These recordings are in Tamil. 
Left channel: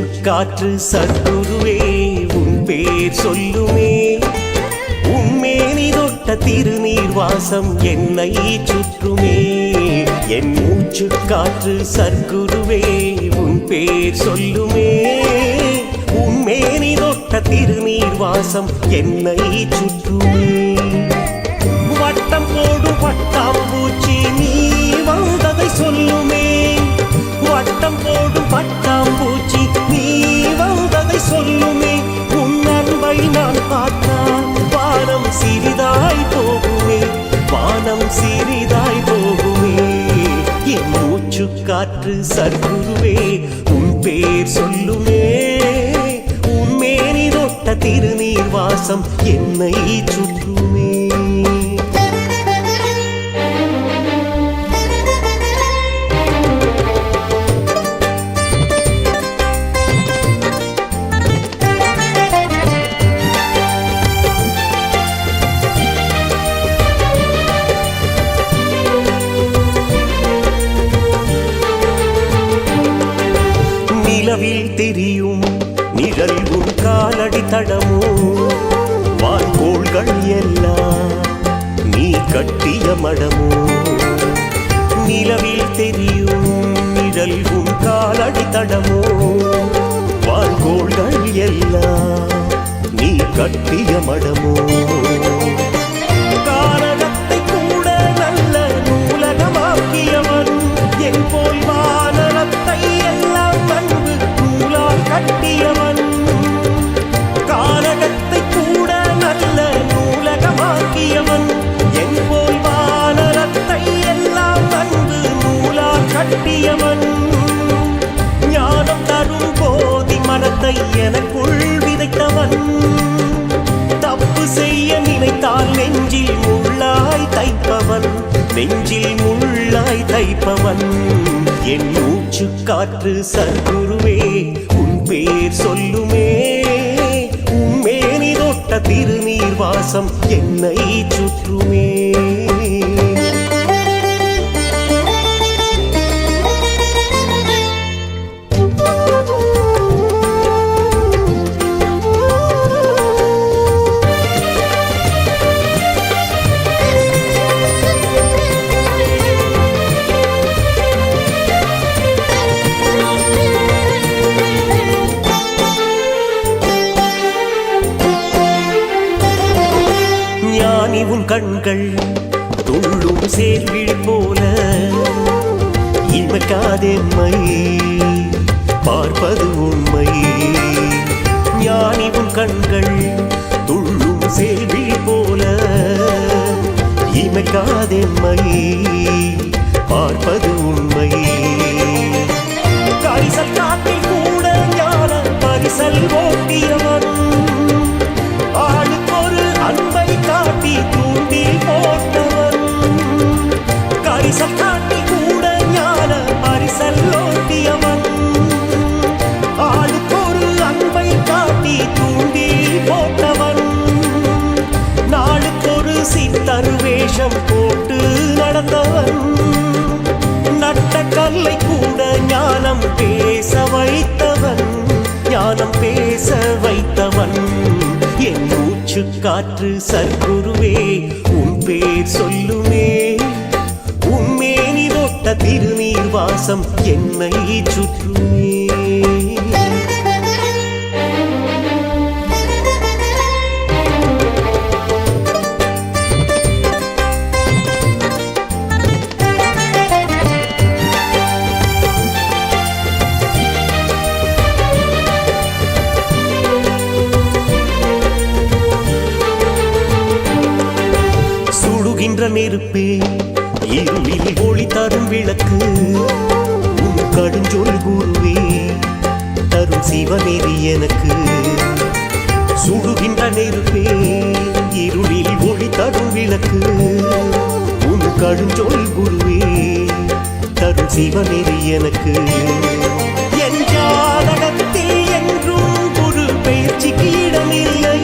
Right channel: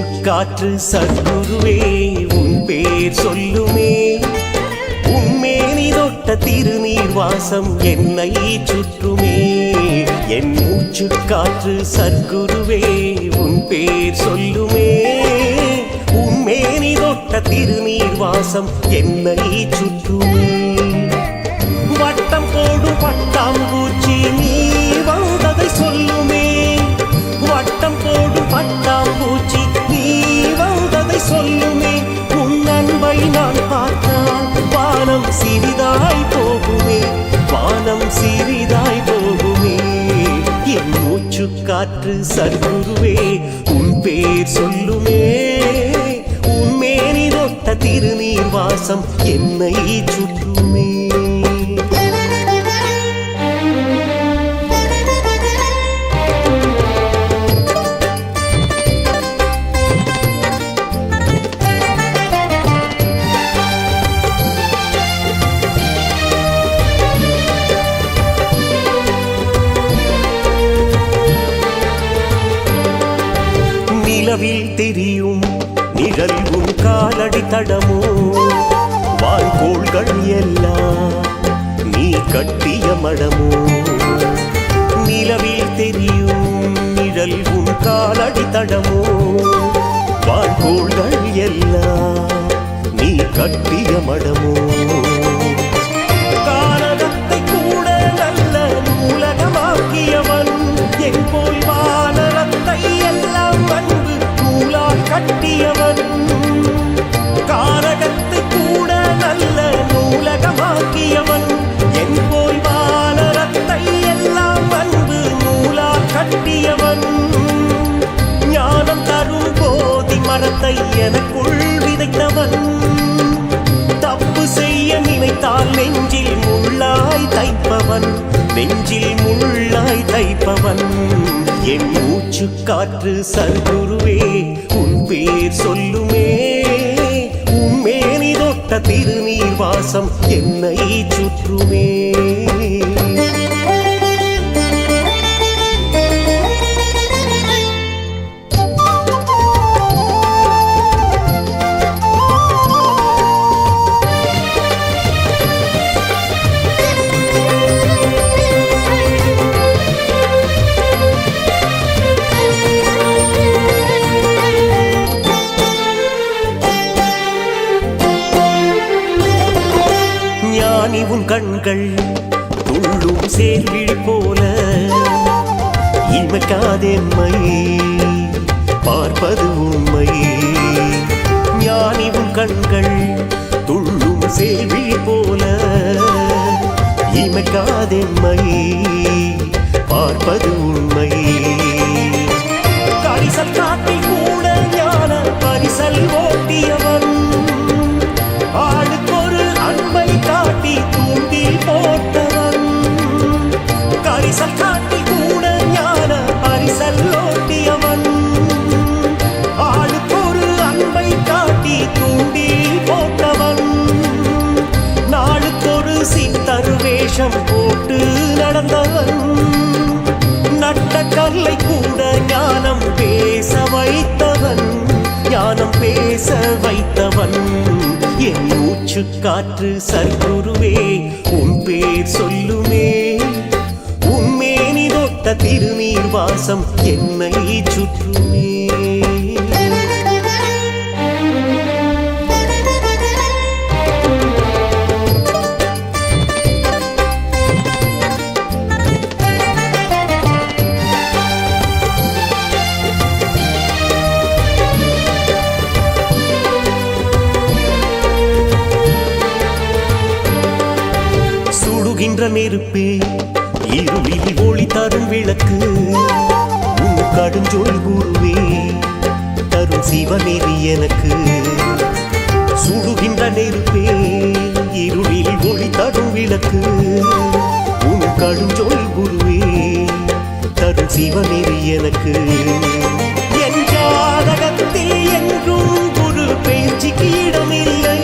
மூச்சு காற்று சத்குருவே உன் பேர் சொல்லுமே, உன்மேனி தொட்ட திருநீர் வாசம் என்னை சுற்றுமே. என் மூச்சு காற்று சத்குருவே உன் பேர் சொல்லுமே, உன்மேனி தொட்ட திருநீர் வாசம் என்னை சுற்றுமே. வட்டம் போடும் பட்டாம்பூச்சி நீ வந்ததை சொல்லுமே, வட்டம் போடும் பட்டாம்பூச்சி நீ வந்ததை சொல்லுமே. உன் அன்பை நான் பார்த்தால் வானம் சிறிதாய் போகுமே, வானம் சிறிதாய் போகுமே. என் மூச்சு காற்று சத்குருவே உன் பேர் சொல்லுமே, உன்மேனி தொட்ட திருநீர் வாசம் என்னை சுற்றுமே. நிலவில் தெரியும் நிழல் உன் காலடி தடமோ, வான்கோள்கள் எல்லாம் நீ கட்டிய மடமோ. நிலவில் தெரியும் நிழல் உன் காலடி தடமோ, வான்கோள்கள் எல்லாம் நீ கட்டிய மடமோ. கானகத்தை கூட நல்ல நூலகமாக்கியவன், என் போல் வானரத்தை எல்லாம் அன்பு நூலால் கட்டியவன். கானகத்தை கூட நல்ல நூலகமாக்கியவன், என் போல் வானரத்தை எல்லாம் அன்பு நூலால் கட்டியவன். ஞானம் தரும் போதி மரத்தை எனக்குள் விதைத்தவன், தப்பு செய்ய நினைத்தால் நெஞ்சில் முள்ளாய் தைப்பவன், நெஞ்சில் முள்ளாய் தைப்பவன். என் மூச்சு காற்று சத்குருவே உன் பேர் சொல்லுமே, உன்மேனி தொட்ட திருநீர் வாசம் என்னை சுற்றுமே. ஞானி உன் கண்கள் துள்ளும் சேர்விழி போல, இமைக்காதெம்மை பார்ப்பது உண்மை. ஞானி உன் கண்கள் துள்ளும் சேர்விழி போல, இமைக்காதெம்மை பார்ப்பது உண்மை. கரிசல் காட்டில் கூட ஞான பரிசல் ஓட்டியவன், ஆளுக்கொரு அன்பை காட்டி தூண்டில் போட்டவன். கரிசல் காட்டில் கூட ஞான பரிசல் ஓட்டியவன், ஆளுக்கொரு அன்பை காட்டி தூண்டில் போட்டவன். நாளுக்கொரு சித்தர் வேஷம் போட்டு நடந்தவன், நட்ட கல்லை கூட ஞானம் பேச வைத்தவன், ஞானம் பேச வைத்தவன். என் மூச்சு காற்று சத்குருவே உன் பேர் சொல்லுமே, உன்மேனி தொட்ட திருநீர் வாசம் என்னை சுற்றுமே. சுடுகின்ற நெருப்பே இருளில் ஒளி தரும் விளக்கு, உன் கடுஞ்சொல் குருவே தரும் சிவநெறி எனக்கு. சுடுகின்ற நெருப்பே இருளில் ஒளி தரும் விளக்கு, உன் கடுஞ்சொல் குருவே தரும் சிவநெறி எனக்கு. என் ஜாதகத்தில் என்றும் குரு பயிற்சிக்கு இடமில்லை,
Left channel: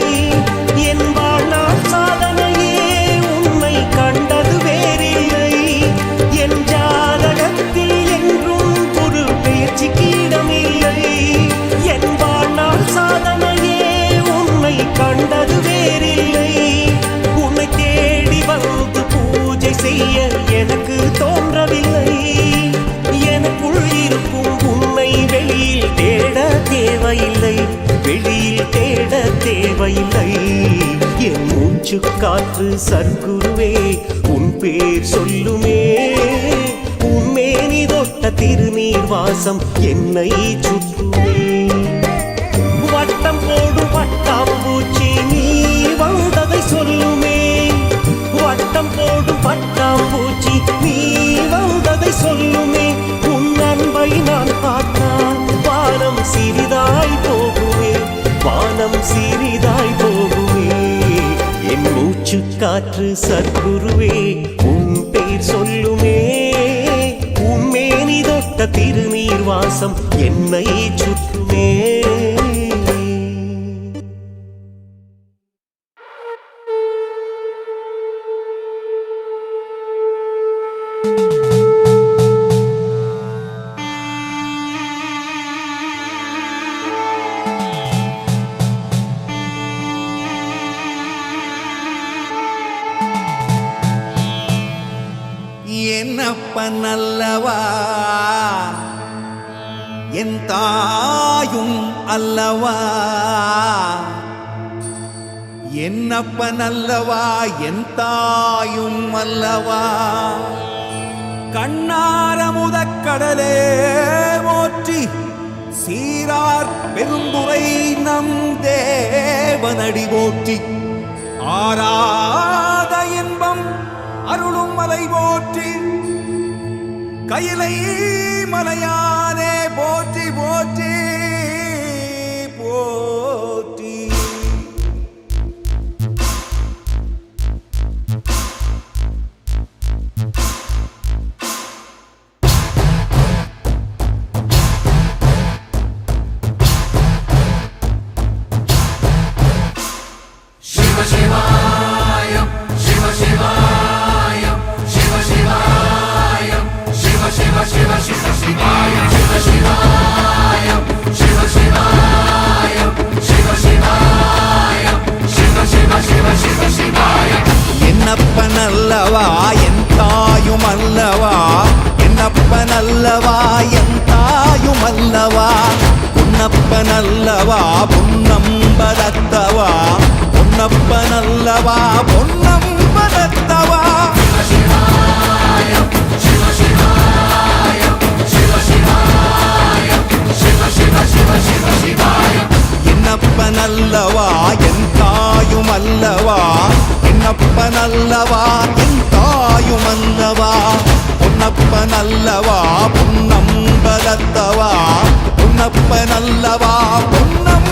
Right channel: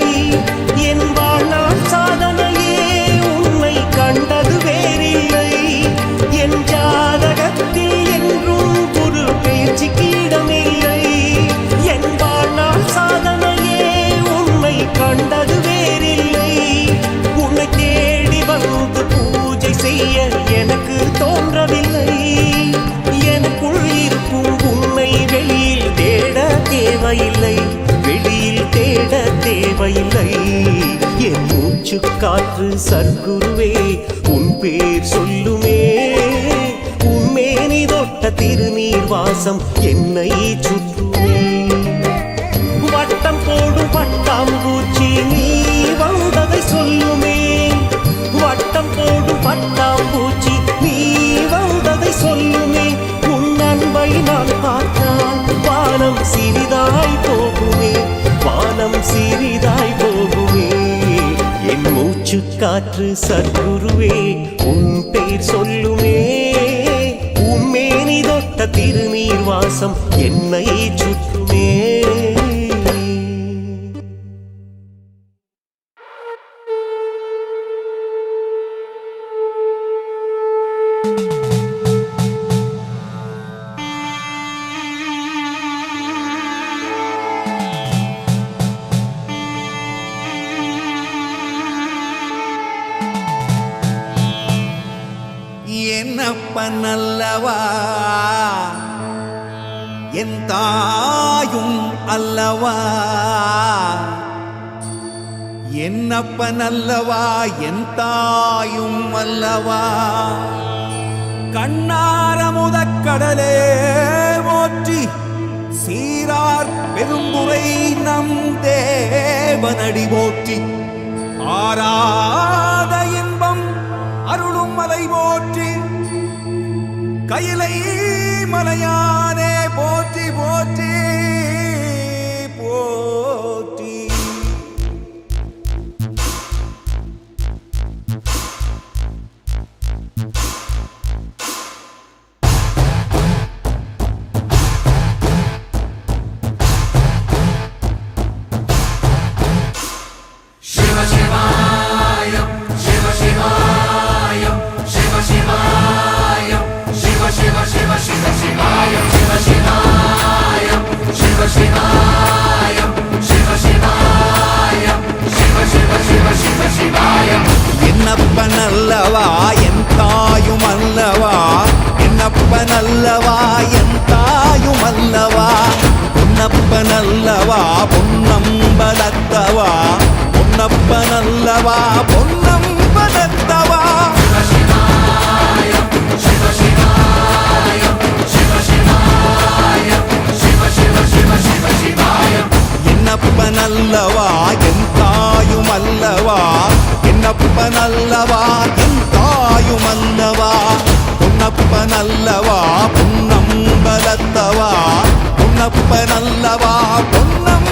என் வாழ்நாள் சாதனையே உன்னை கண்டது வேறில்லை. என் ஜாதகத்தில் என்றும் குரு பெயர்ச்சிக்கு இடமில்லை. என் வாழ்நாள் சாதனையே உன்னை கண்டது வேறில்லை. உன்னை தேடி வந்து பூஜை செய்ய எனக்கு தோன்றவில்லை. எனக்குள் இருக்கும் உன்னை வெளியில் தேட தேவையில்லை, வெளியில் தேட தேவையில்லை. என் மூச்சு காற்று சர்க்குருவே உன் பேர் சொல்லுமே. உன்மேனி தொட்ட திருநீர் வாசம் என்னை சுற்றுமே. வட்டம் போடும் பட்டாம்பூச்சி நீ வந்ததை சொல்லுமே. வட்டம் போடும் பட்டாம்பூச்சி நீ வந்ததை சொல்லுமே. உன் அன்பை நான் பார்த்தால் வானம் சிறிதாய் போகுமே, வானம் சிறிதாய் போகுமே. என் மூச்சு காற்று சர்க்குருவே உன் பெயர் சொல்லுமே. உன்மேனி தொட்ட திருநீர் வாசம் என்னை சுற்றுமே. என்னப்பன் அல்லவா என் தாயும் அல்லவா, என்னப்பன் அல்லவா என் தாயும் அல்லவா. கண்ணாரமுதக் கடலே போற்றி, சீரார் பெரும்புரை நம் தேவனடி போற்றி. ஆராத இன்பம் அருளும் மலை போற்றி, கையிலை மலையானே போற்றி போற்றி போற்றி. Shiva Shivaya, Shiva Shivaya, Shiva Shivaya, Shiva Shiva Shiva Shiva Shivaya, Shiva Shivaya, Shiva Shivaya, Shiva Shivaya, Shiva Shiva Shiva Shiva Shivaya. என்னப்பன் அல்லவா என் தாயும் அல்லவா, என்னப்பன் அல்லவா என் தாயும் அல்லவா. பொன்னப்பன் அல்லவா பொன்னம்பலத்தவா, பொன்னப்பன் அல்லவா பொன்னம்பலத்தவா. என்னப்பன் அல்லவா என் தாயும் அல்லவா, என்னப்பன் அல்லவா என் தாயும் அல்லவா. பொன்னப்பன் அல்லவா பொன்னம்பலத்தவா, பொன்னப்பன் அல்லவா பொன்னம்